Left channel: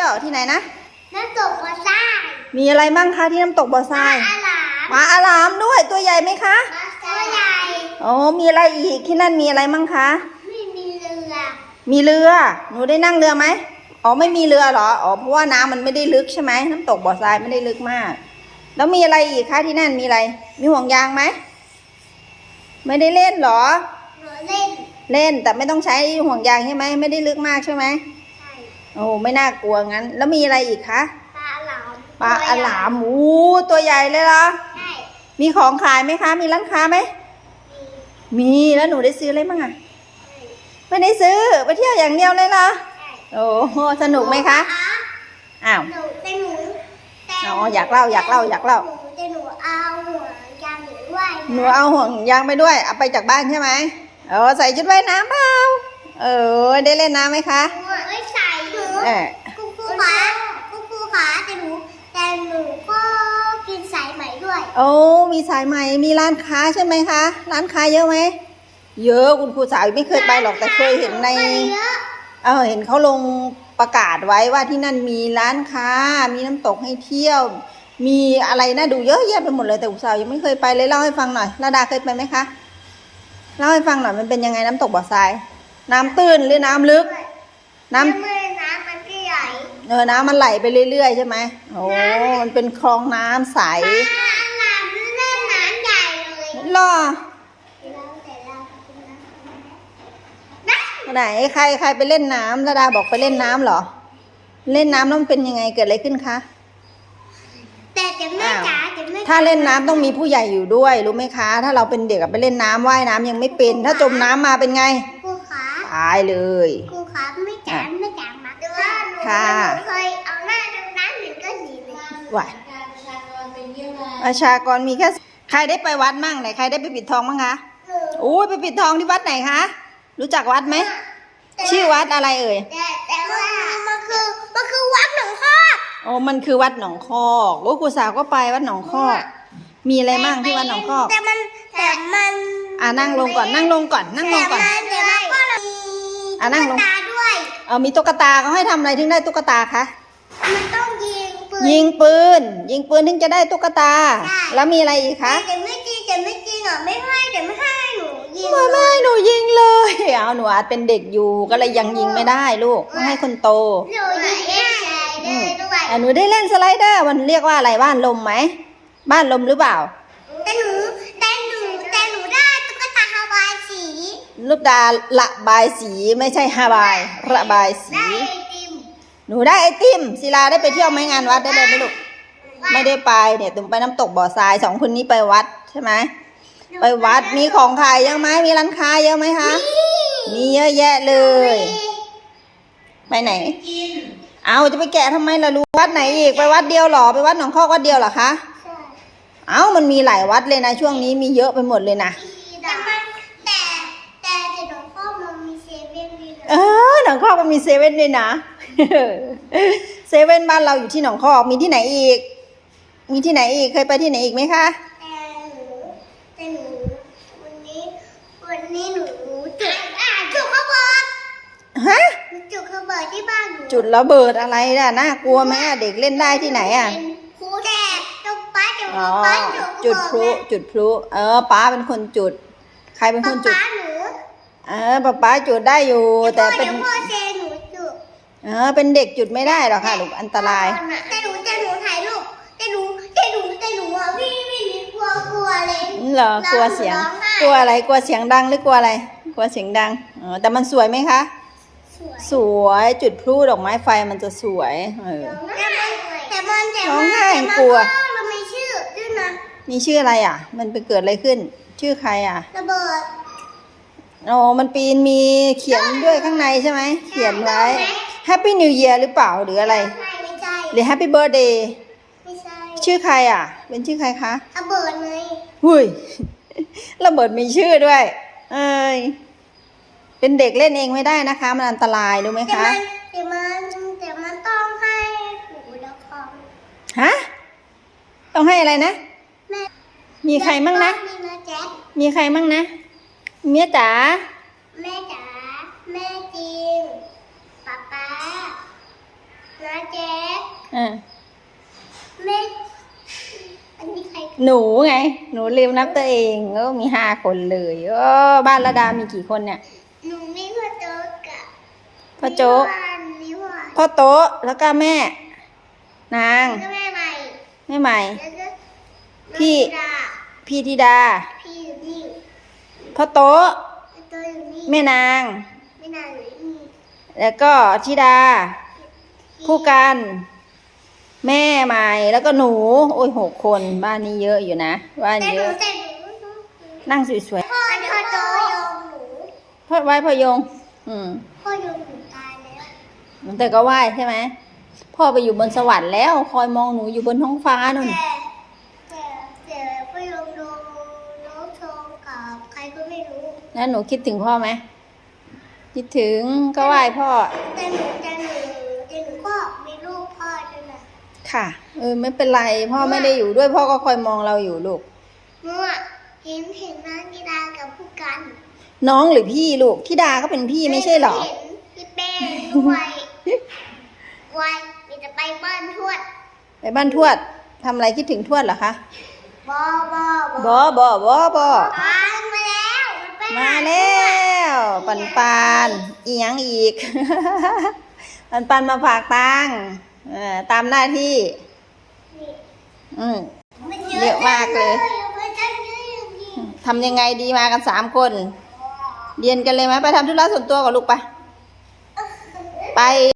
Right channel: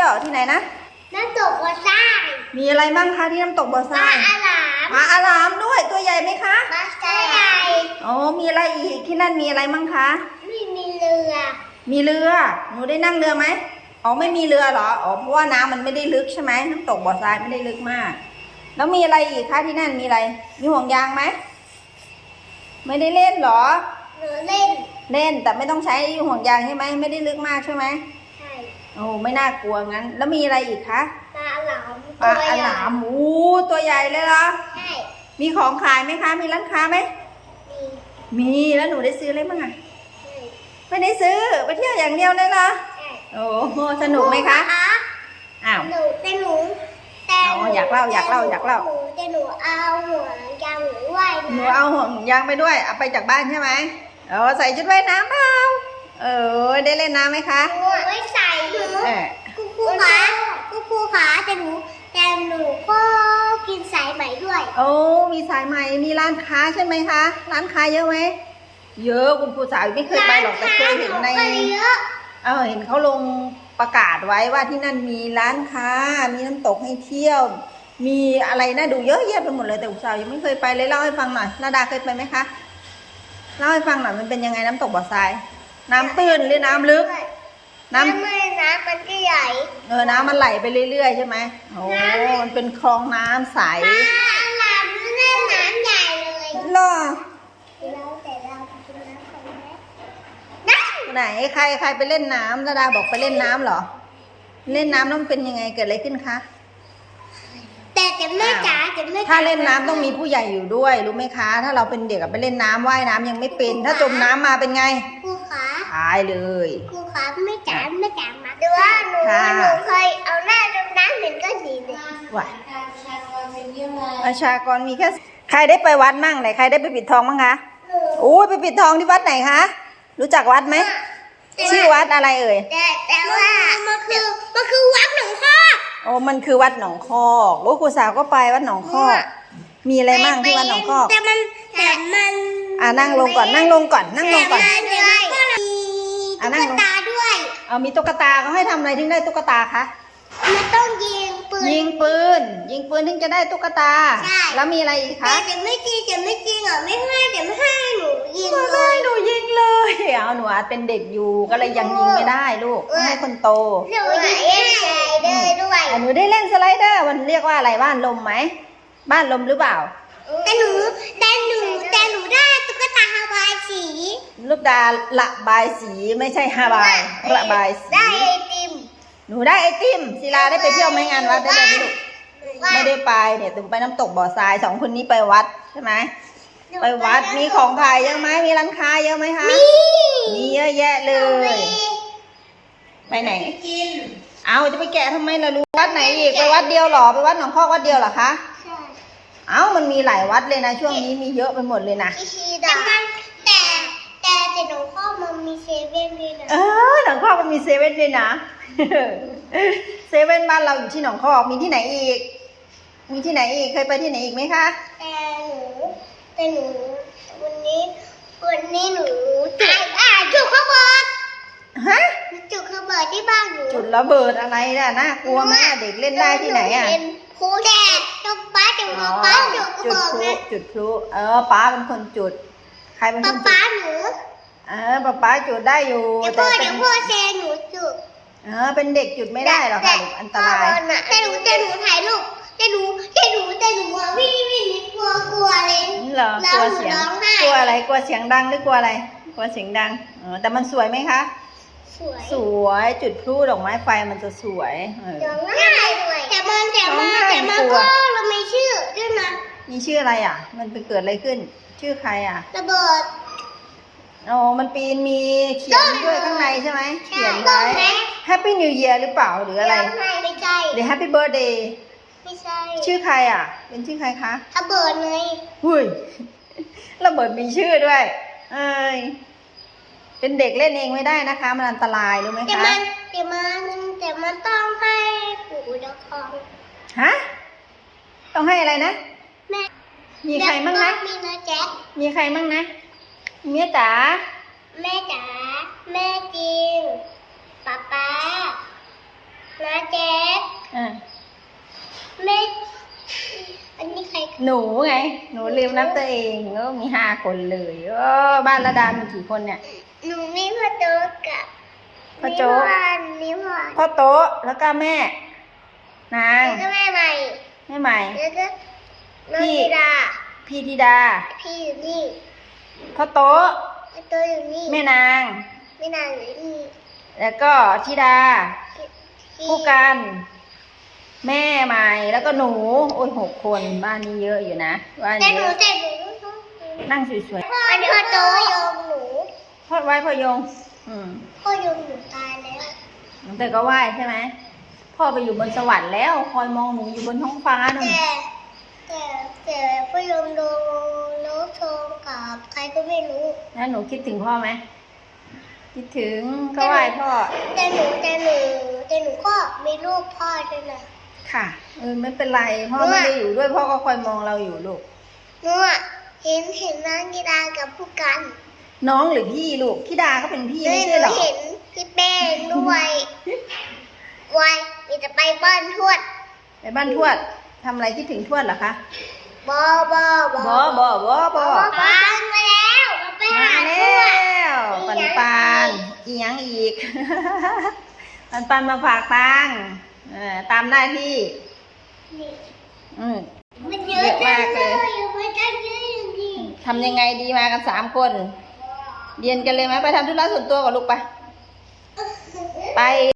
ที่ยวที่ไหนนะ น้ำตกวัดทรายมีอะไรบ้างคะที่น้ำตกบ่อทปลารายอาหลามปลาอารามด้วยตัวใหญ่ไหมคะปลาทรายใหญ่อ๋อมีอะไรอีกที่นั่นมีอะไรมั่งคะ ไม่มีเรือ มีเรือหนูได้นั่งเรือไหมอ๋อไม่มีเรือเหรออ๋อเพราะว่าน้ำมันไม่ได้ลึกใช่ไหมน้ำตกบ่อทรายไม่ได้ลึกมาก แล้วมีอะไรอีกคะที่นั่นมีอะไร มีห่วงยางไหมไม่ได้เล่นเหรอ หนูเล่น เล่นแต่ไม่ต้องใช้ห่วงยางใช่ไหมไม่ได้ลึกมากใช่ไหมใช่ โอ้ไม่น่ากลัวงั้น แล้วมีอะไรอีกคะปลาอาหลามปลาอลามอู้ตัวใหญ่เลยล่ะใช่มีของขายไหมคะ มีร้านค้าไหมมีมีแล้วหนูได้ซื้ออะไรบ้างอะใช่ไม่ได้ซื้อไปเที่ยวอย่างเดียวเลยล่ะใช่โอ้โหสนุกไหมคะอ้าวหนูแต่หนูแต่อ๋ออยากเล่าอยากเล่าอยากเล่าหนูแต่หนูเอาหัวยางหนูว่ายหนูน้ำเอาห่วงยางไปด้วยเอาไปจากบ้านใช่ไหมเออใส่ชุดว่ายน้ำเปล่าเออได้เล่นน้ำไหมคะหนูไม่ใส่หนู เออกูครูขากูครูขาแต่หนูแต่หนูก็กินสายไหมด้วย โอ้มีสายใหม่มีร้านค้าใช่ไหมคะ ร้านค้าเยอะไหมเยอะคุณครูสาวไม่เคยไปหรอกแต่เคยเห็นในร้าค้าหนูก็เยอะเออเห็นเขาลงประกาศไว้ว่าที่นั่นมีร้านค้า มีน้ำตกให้เที่ยว มีอะไรน่าดูเยอะแยะไปหมดเลยแต่อุตสาวยังไม่เคยไปเลยเล่าให้ฟังหน่อยระดาเคยไปไหมคะเล่าให้ฟังหน่อยมันเป็นยังไงน้ำตกบ่อทราย น้ำตื้นหรือน้ำลึก น้ำ น้ำมือน้ำมันก็ใหญ่เออน้ำมันไหลไปเรื่อยๆใช่ไหมโอ้มันเป็นคลองน้ำใสปลาหลามเล่นน้ำใหญ่เลยหรอเราแต่เราเป็นน้ำคนไหมน้ำไหนใครใครไปเล่นน้ำระดาบอกไปเล่นน้ำเหรอ เล่นน้ำต้องเป็นยังไงเกิดอะไรขึ้นคะแต่แต่แม่จ๋าแต่แม่จ๋ถ้าเล่นน้ำต้องมีผู้ใหญ่อยู่ด้วยรู้ไหมคะ ถ้าเราเป็นเด็กอะไปเล่นน้ำว่ายน้ำยังไม่เป็น ถ้าจมน้ำมาเป็นไงครูขาตายเลยครูขาแม่จ๋าแม่จ๋ามา ดูว่าหนูค่ะ หนูเคยเอาหน้าจมน้ำเหม็นก็ดีเลยว่ะประชากรมีแค่ใครได้ไปวัดมั่งไหนใครได้ไปปิดทองมั่งคะโอ้ยไปปิดทองที่วัดไหนคะ รู้จักวัดไหม ชื่อวัดอะไรเอ่ย แต่แต่ว่ามันคือมันคือวัดหนองคอก โอ้มันคือวัดหนองคอกโอ้ครูสาวก็ไปวัดหนองคอก มีอะไรมั่งที่วัดหนองคอก แต่มันแต่มันอ่านั่งลงก่อนนั่งลงก่อนนั่งลงก่อน แต่มันแต่มันก็มีอะนั่งลง ตุ๊กตาด้วย เอามีตุ๊กตาเขาให้ทำอะไรถึงได้ตุ๊กตาคะ มันต้องยิงปืน ยิงปืน ยิงปืนถึงจะได้ตุ๊กตา ใช่ แล้วมีอะไรอีกแต่คะแต่ไม่จริงแต่ไม่จริงอะไม่ให้แต่ไม่ให้หนูยิงไม่เลไม่ย หนูยิงเลย เอาหนูอาจเป็นเด็กอยู่ก็เลยยังยิงไม่ได้ลูกต้องให้คนโตหนูยิงได้ได้ด้วยอะหนูได้เล่นสไลเดอร์มันเรียกว่าอะไรบ้านลมไหมบ้านลมหรือเปล่า แต่หนูแต่หนูแต่หนูได้ตุ๊กตา ฮาวายสีลูกดาระบายสีไม่ใช่ฮาบายระบายสีได้ไอติมหนูได้ไอติมศิลาได้ไปเที่ยวไหมงานวัดได้เลยไหมลูกไม่ได้ไปเนี่ยถึงไปน้ำตกบ่อทรายสองคนนี้ไปวัดใช่ไหมไปวัดมีของขายเยอะไหมมีร้านค้าเยอะไหมคะมีเยอะแยะเลย ไปไหนกินเอาจะไปแกะทำไมล่ะลูกวัดไหนอีกไปวัดเดียวเหรอไปวัดหนองคอกวัดเดียวเหรอคะใช่เอ้ามันมีหลายวัดเลยนะ ช่วงนี้มีเยอะไปหมดเลยนะอีชี ดาแต่แต่แต่หนูข้ามันมีเซเว่นด้วยนะเออหนองคอกมันมีเซเว่นด้วยนะเซเว่นบ้านเราอยู่ที่หนองคอกมีที่ไหนอีก มีที่ไหนอีกเคยไปที่ไหนอีกไหมคะแต่หนูแต่หนูวันนี้วันนี้หนูจุดอ่าจุดข้าวเบิดฮะจุดข้าวเบิดที่บ้านหนูจุดระเบิดอะไรน่ะน่ากลัวไหมเด็กเล่นได้ที่ไหนอะเป็นครูแต่ต้องป้าจะอ๋อป้าจุดจุดพลุจุดพลุเออป้าเป็นคนจุด ครเป็นคนะนจุดป้าหนูเออป้าป้าจุดได้อยู่ เดี๋ยวแต่พ่อเป็เดี๋นยวพ่อเซหนูจุดเออเป็นเด็กจุดไม่ได้หรอกค่ะลูกอันตราย แต่หนูแต่หนูถ่ายรูปแต่หนูแต่หนูแต่หนูอะวิ่งวิ่งกลัวกลัวเลย เหรอกลัวเสียง ร้องไห้ กลัวอะไร กลัวเสียงดังหรือกลัวอะไร กลัวเสียงดังอ๋อแต่มันสวยไหมคะ สวยสวยจุดพลุดอกไม้ไฟมันจะสวยเออ ร้องไห้ด้วยแต่มันแต่มันร้องไห้แต่มันกลัวก็เราไม่ชื่อด้วยนะ มีชื่ออะไรอะ มันไปเกิดอะไรขึ้น ชื่อใครอะ ระเบิดโอ้มันปีนมีเขียนด้วยข้างในใช่ไหม เขียนไว้ Happy New Year หรือเปล่าหรืออะไร ไม่ใช่หรือ Happy Birthday ไม่ใช่ ชื่อใครอะ เป็นชื่อใครคะ ระเบิดไงหุยระเบิดมีชื่อด้วย เอ้ย เป็นเด็กเล่นเองไม่ได้นะคะ มันอันตรายรู้ไหมแต่คะ มันแต่มันแต่มันต้องให้ปู่เจ้าของฮะ ต้องให้อะไรนะแม่มีใครมั่งนะ มีนะแจ๊คมีใครมั่งนะ เมียจ๋า แม่จ๋า แม่จริงป๊าป๊าน้นะแจ๊คอ่าแม่ อันนี้ใครหนูไง หนูลืมนับตัวเองก็มีห้าคนเลยโอ้บ้านระดามีกี่คนเนี่ย หนูมีพ่อโจ๊กกับพ่อโจ๊กนิวานนิวานพ่อโต๊ะแล้วก็แม่ นางแล้วก็แม่ใหม่แม่ใหม่แล้วก็น้อง พี่ธิดาพี่ธิดา พี่อยู่นี่พ่อโต๊ะไอ้ตัวอยู่นี่แม่นาง ไม่นานอยู่นี่แล้วก็ธิดา พี่คู่กันแม่ใหม่แล้วก็หนู โอ้ยหกคนบ้านนี้เยอะอยู่นะบ้านแต่หเยนูอะแต่หนูนั่งสวยพ่อพ่อโจ๊กยงหนูๆพ่อไหว้พ่อยง อืมพ่อยงหนูตายแล้วแต่ก็ไหว้ใช่ไหมพ่อไปอยู่บนสวรรค์แล้ว คอยมองหนูอยู่บนท้องฟ้านู่นแต่แต่แต่ พ่อยงโดนน้องโชงกับใครก็ไม่รู้ แล้วหนูคิดถึงพ่อไหม คิดถึงก็ไหว้พ่อ แต่หนูแต่หนูแต่หนูก็มีลูกพ่อด้วยนะ ค่ะ เออไม่เป็นไร พ่อไม่ได้อยู่ด้วยพ่อก็คอยมองเราอยู่ลูกหนูอะเห็นเห็นน้องกีฬากับผู้กัน น้องหรือพี่ลูกธิดาก็เป็นพี่ไม่ใช่หรอเห็นพี่เป้ด้วยวัยมีจะไปบ้านทวด ไปบ้านทวดทำอะไรคิดถึงทวดเหรอคะ บอบอบบอบอบอบอปานมาแล้วไปมาหาทแล้ววดปันปันอีหยังอีก ปันปันมาฝากตังค์เออตามหน้าที่ อืมมันเยอะมากเลยอะไปจังเลยอย่างนี้ทำยังไงดีมากันสามคน เรียนกันเลยไหมไปทำธุระส่วนตัวกับลูกไปไป